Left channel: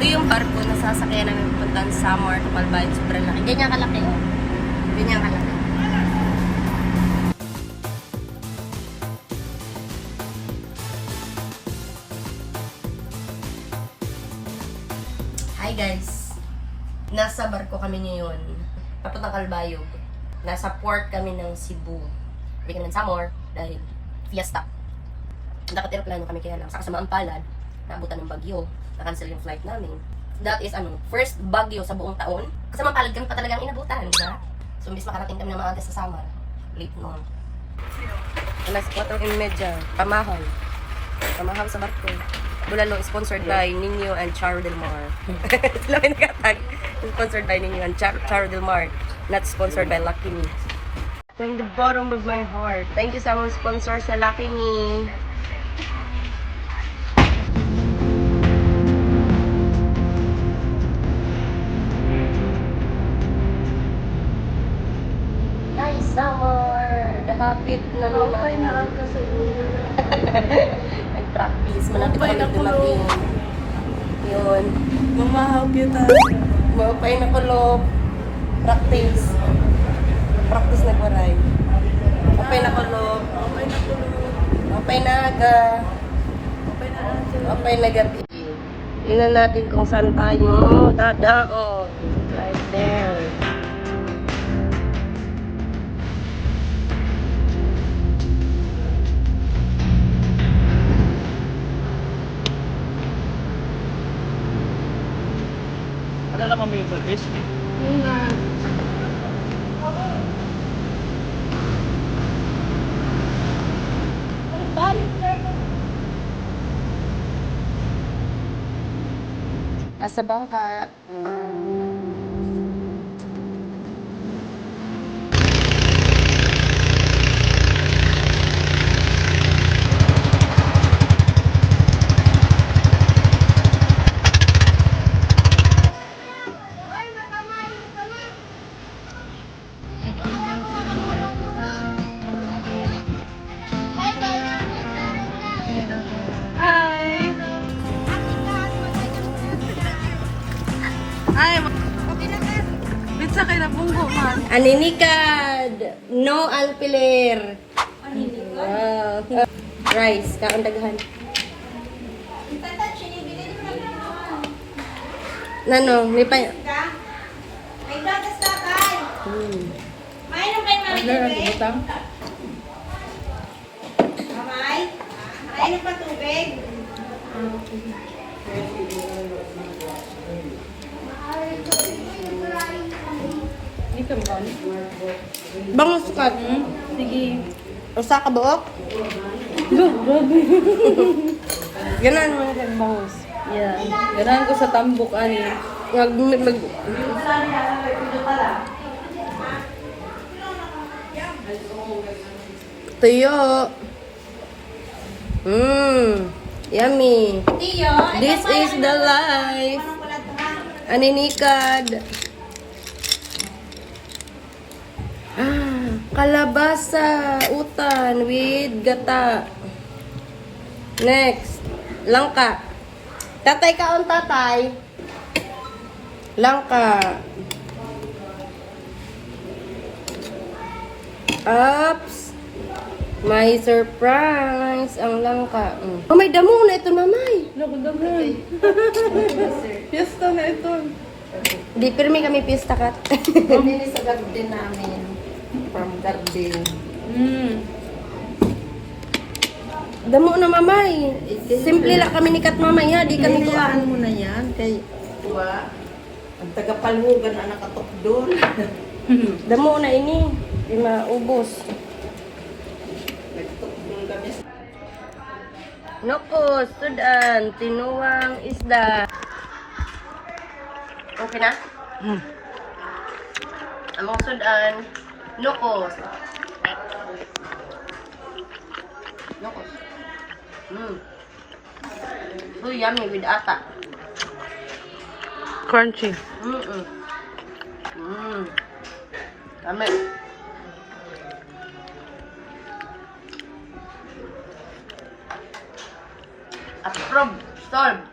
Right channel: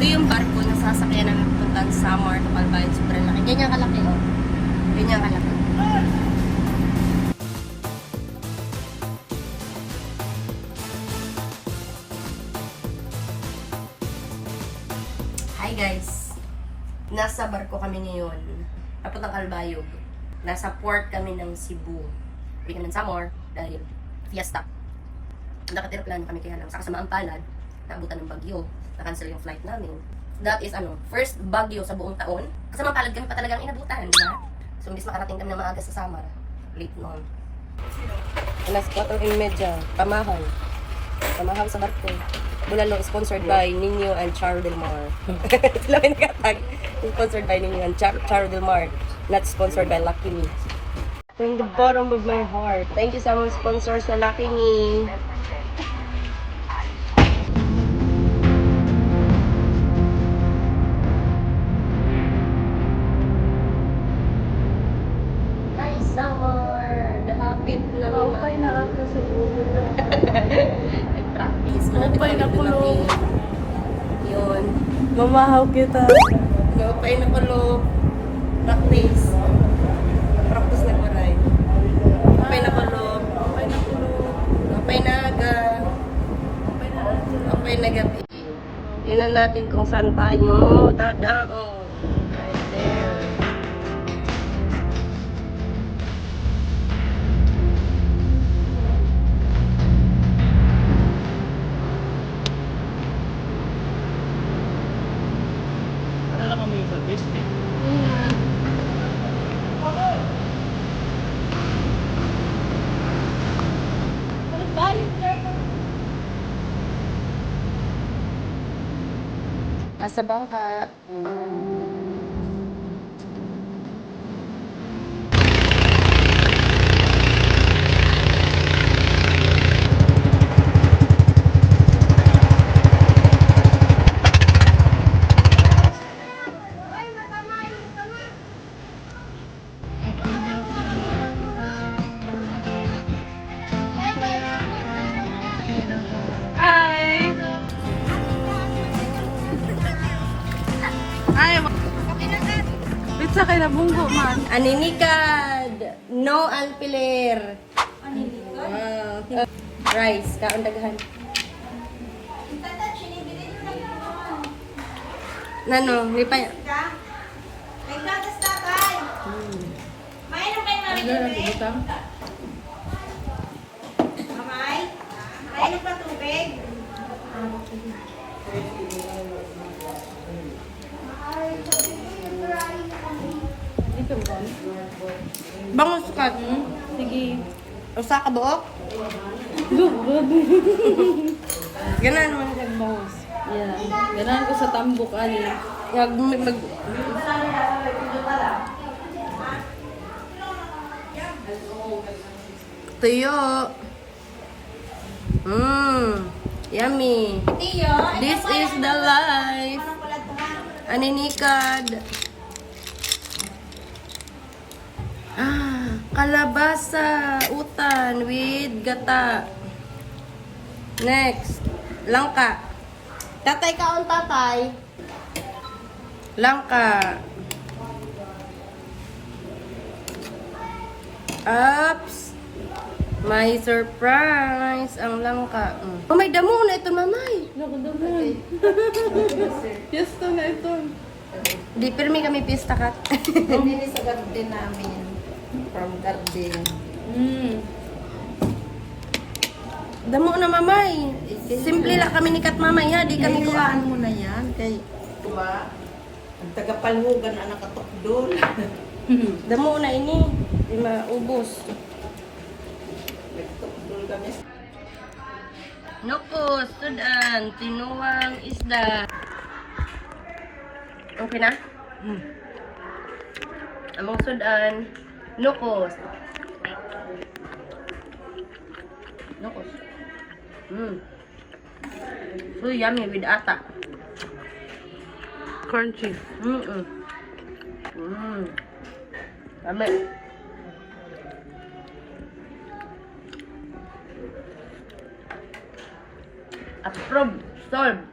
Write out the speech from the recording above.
Ito yung barko na sasakyan namin pupuntahan sa Samar, Tacloban. Sobrang laki. Ganyan kalaki, oh. Ganyan kalaki. Hi guys! Nasa barko kami ngayon. Tapos ng Calbayog. Nasa port kami ng Cebu. Hindi kami ng Samar dahil fiesta. Nakateroplano kami kaya lang sa kasamaang palad, naabutan ng bagyo, na-cancel yung flight namin. That is first bagyo sa buong taon. Kasamaang palad kami pa talagang inabutan, diba? So, imbis makarating kami ng maaga sa Samar, late noon. Alas 4:30, Pamahaw. Pamahaw sa barko. Bulalo is sponsored by Nino and Charo Del Mar. Sila may nakatag. Sponsored by Nino and Charo Del Mar. Not sponsored by Lucky Me. From the bottom of my heart. Thank you sa mga sponsor sa Lucky Me. Nice summer! Nakapit na naman. Okay na ako sa ulo. Nag-practice. Malapit Okay na kami kulo. dumating. Yun. Mamahaw kita. Mapay na kulo. Practice. Practice na kuray. Mapay na kulo. Okay na kulo. Mapay na aga. Okay na Angela. Mapay na gabi. Tingnan natin kung saan tayo dadao. Right there. Ano lang kami yung purpose? Asa bangka. Hi! Ay, pizza kay nabunggo man. Aninikad. No alpiler. Wow. Rice. Kaon daghan. Nano, may pa... May gatas na tayo. Mainom kayo mga tubig. Mamay, mainom pa tubig. Bangus ka. Sige. Usa ka buok? Ganan mo sa bangus. Yeah. Ganahan ko sa tambok ani. Mag... Tuyo. Yummy. Tiyo, This is the life. Aninikad. Kalabasa, utan, with gata. Next, langka. Tatay kaon tatay. Langka. Ups. May surprise ang langka. Oh, may damo na ito, mamay. Nakudamoy. Fiesta na ito. Di, pero may kami pista kat. Hindi sa garden namin. From garden. Damo na, mamay. Simple lang kami ni Kat, mamay, ha? Di kami Kailangan mo na yan. Kay tuwa. Ang tagapalhugan na nakatok doon. Damo na ini. Di maubos. Nagtok doon kami. Noko, sudan. Tinuwang isda. Okay na? Among sudan. Nokos. Nokos. So yummy with ata. Crunchy. Kami. Approve. Solve.